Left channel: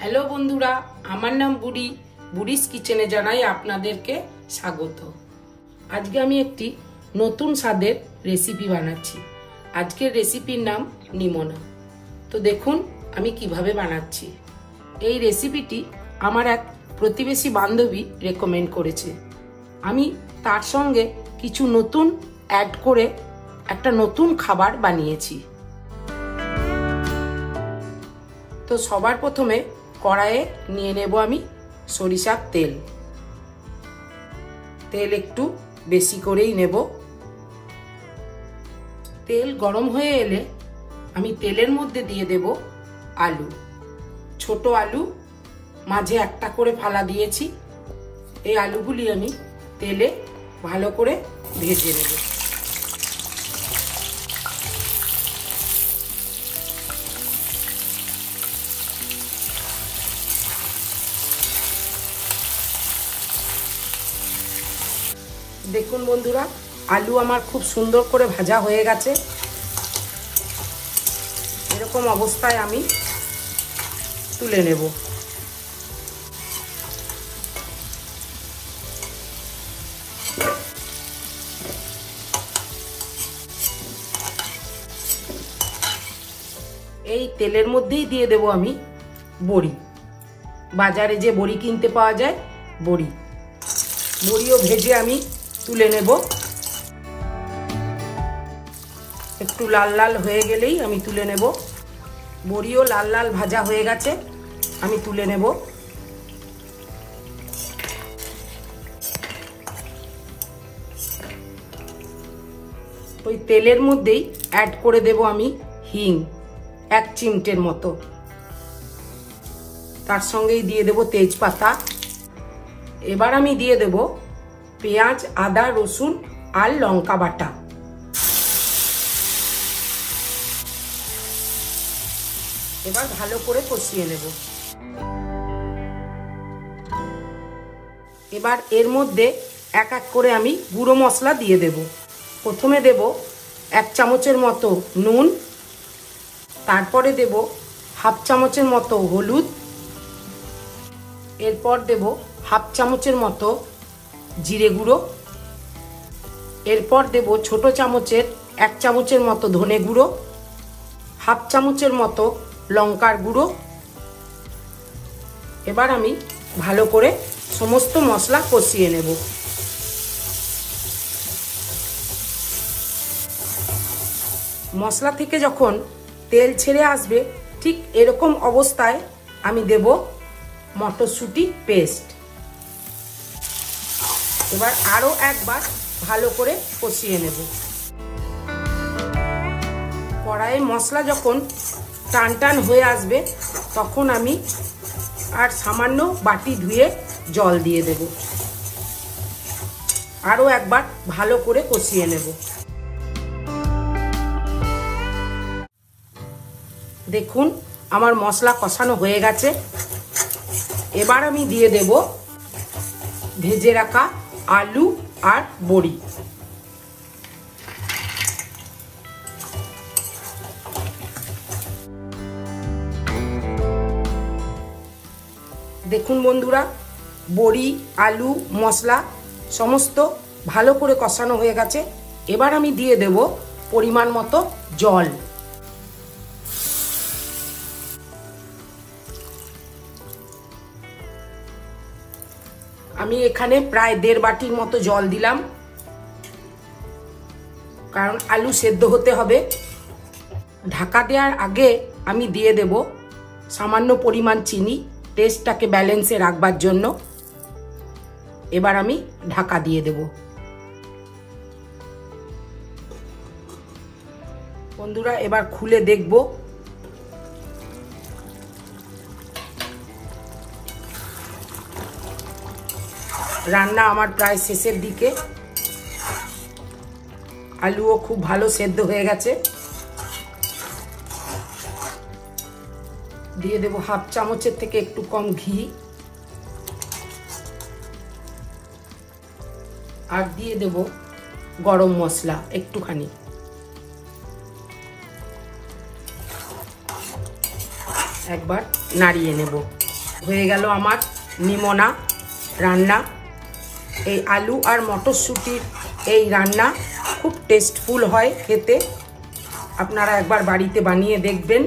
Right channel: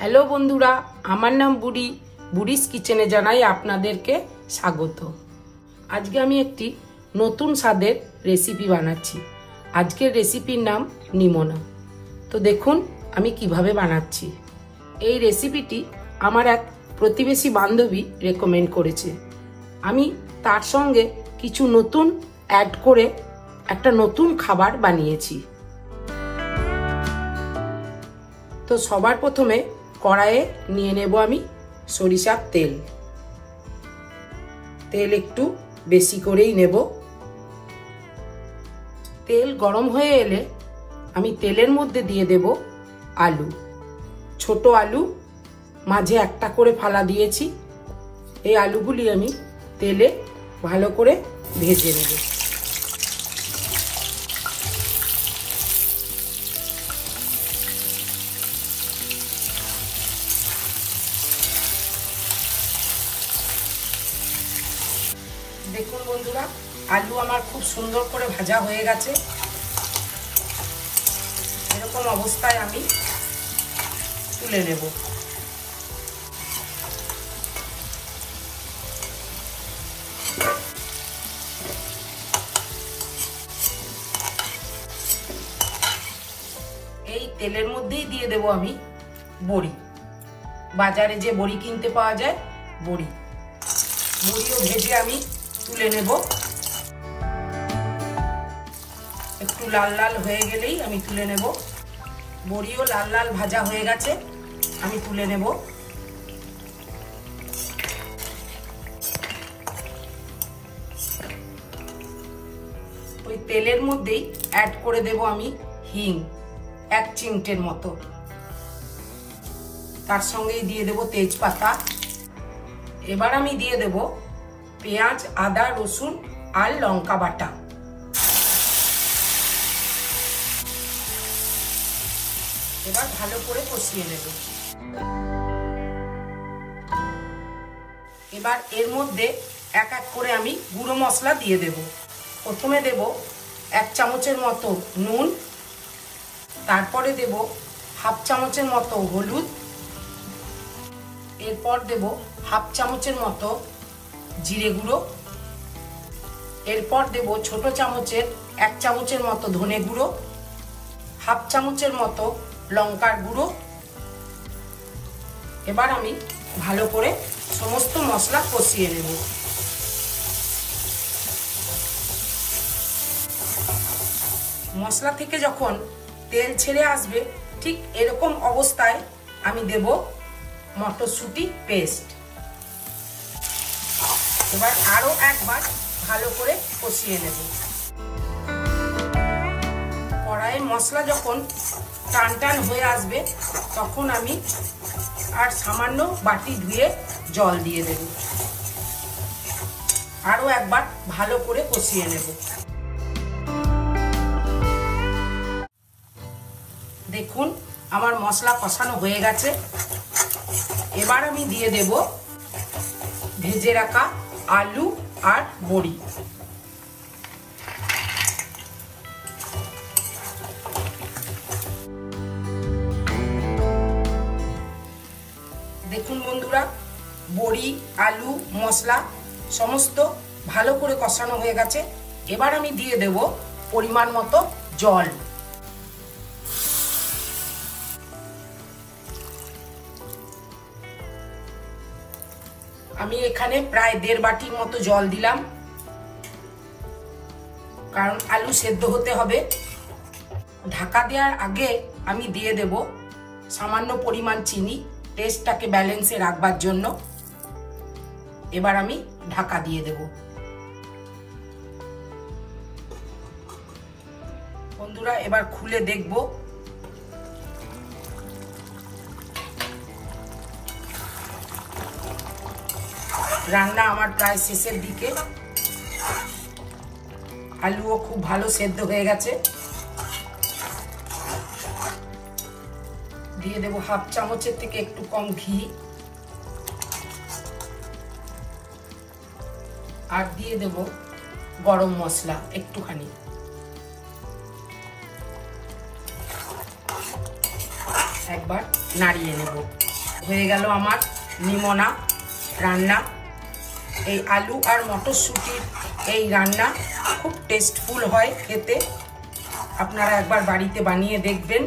Hello বন্ধুরা, আমার নাম বুড়ি। বুড়িস কিচেনে জানাই আপনাদেরকে স্বাগত। আজকে আমি একটি নতুন স্বাদের রেসিপি বানাচ্ছি। আজকের রেসিপির নাম নিমোনা। তো দেখুন আমি কিভাবে বানাচ্ছি। এই রেসিপিটি আমার এক প্রতিবেশী বান্ধবী রেকমেন্ড করেছে। আমি তার সঙ্গে কিছু নতুন অ্যাড করে একটা নতুন খাবার বানিয়েছি। তো সবার প্রথমে কড়াইয়ে নিয়ে নেব আমি সরিষার তেল। তেল একটু বেশি করেই নেব। তেল গরম হয়ে এলে আমি তেলের মধ্যে দিয়ে দেব আলু। ছোট আলু, মাঝে একটা করে ফালা দিয়েছি। এই আলুগুলি আমি তেলে ভালো করে ভেজে নেব। দেখুন বন্ধুরা, আলু আমার খুব সুন্দর করে ভাজা হয়ে গেছে। এরকম অবস্থায় আমি তুলে নেব। এই তেলের মধ্যেই দিয়ে দেব আমি বড়ি। বাজারে যে বড়ি কিনতে পাওয়া যায়, বড়িও ভেজে আমি তুলে নেব। একটু লাল লাল হয়ে গেলেই আমি তুলে নেব। বড়িও লাল লাল ভাজা হয়ে গেছে, আমি তুলে নেব। ওই তেলের মধ্যেই অ্যাড করে দেব আমি হিং, 1 চিমটের মতো। তার সঙ্গেই দিয়ে দেব তেজপাতা। এবার আমি দিয়ে দেব পেঁয়াজ, আদা, রসুন আর লঙ্কা বাটা। এবার ভালো করে কষিয়ে নেব। এবার এর মধ্যে এক এক করে আমি গুঁড়ো মশলা দিয়ে দেব। প্রথমে দেব 1 চামচের মতো নুন, তারপরে দেব 1/2 চামচের মতো হলুদ, এরপর দেব 1/2 চামচের মতো জিরে গুঁড়ো, এরপর দেব ছোট চামচের 1 চামচের মতো ধনে গুঁড়ো, 1/2 চামচের মতো লঙ্কার গুঁড়ো। এবার আমি ভালো করে সমস্ত মশলা কষিয়ে নেব। মশলা থেকে যখন তেল ছেড়ে আসবে, ঠিক এরকম অবস্থায় আমি দেব মটরশুঁটি পেস্ট। এবার আরো একবার ভালো করে কষিয়ে নেব। কড়াইয়ে মশলা যখন টান টান হয়ে আসবে, তখন আমি আর সামান্য বাটি ধুয়ে জল দিয়ে দেব। আরো একবার ভালো করে কষিয়ে নেব। দেখুন আমার মশলা কষানো হয়ে গেছে। এবার আমি দিয়ে দেব ভেজে রাখা আলু আর বড়ি। দেখুন বন্ধুরা, বড়ি, আলু, মশলা সমস্ত ভালো করে কষানো হয়ে গেছে। এবার আমি দিয়ে দেব পরিমাণ মতো জল। আমি এখানে প্রায় 1.5 বাটির মতো জল দিলাম, কারণ আলু সেদ্ধ হতে হবে। ঢাকা দেওয়ার আগে আমি দিয়ে দেব সামান্য পরিমাণ চিনি, টেস্টটাকে ব্যালেন্সে রাখবার জন্য। এবার আমি ঢাকা দিয়ে দেব। বন্ধুরা, এবার খুলে দেখব। রান্না আমার প্রায় শেষের দিকে। আলুও খুব ভালো সেদ্ধ হয়ে গেছে। দিয়ে দেব 1/2 চামচের থেকে একটু কম ঘি, আর দিয়ে দেব গরম মশলা একটুখানি। একবার নাড়িয়ে নেব। হয়ে গেল আমার নিমোনা রান্না। এই আলু আর মটরশুঁটির এই রান্না খুব টেস্টফুল হয় খেতে। আপনারা একবার বাড়িতে বানিয়ে দেখবেন,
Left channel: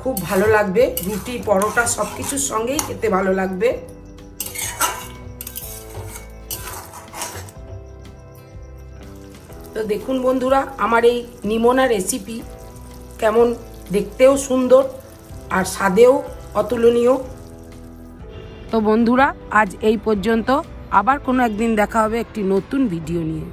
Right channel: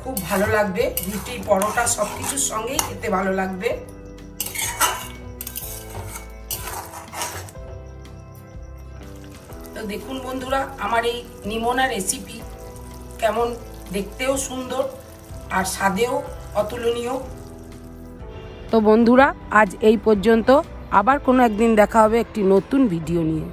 খুব ভালো লাগবে। রুটি পরোটা সবকিছুর সঙ্গেই খেতে ভালো লাগবে। তো দেখুন বন্ধুরা, আমার এই নিমোনা রেসিপি কেমন, দেখতেও সুন্দর আর স্বাদেও অতুলনীয়। তো বন্ধুরা, আজ এই পর্যন্ত। আবার কোনো একদিন দেখা হবে একটি নতুন ভিডিও নিয়ে।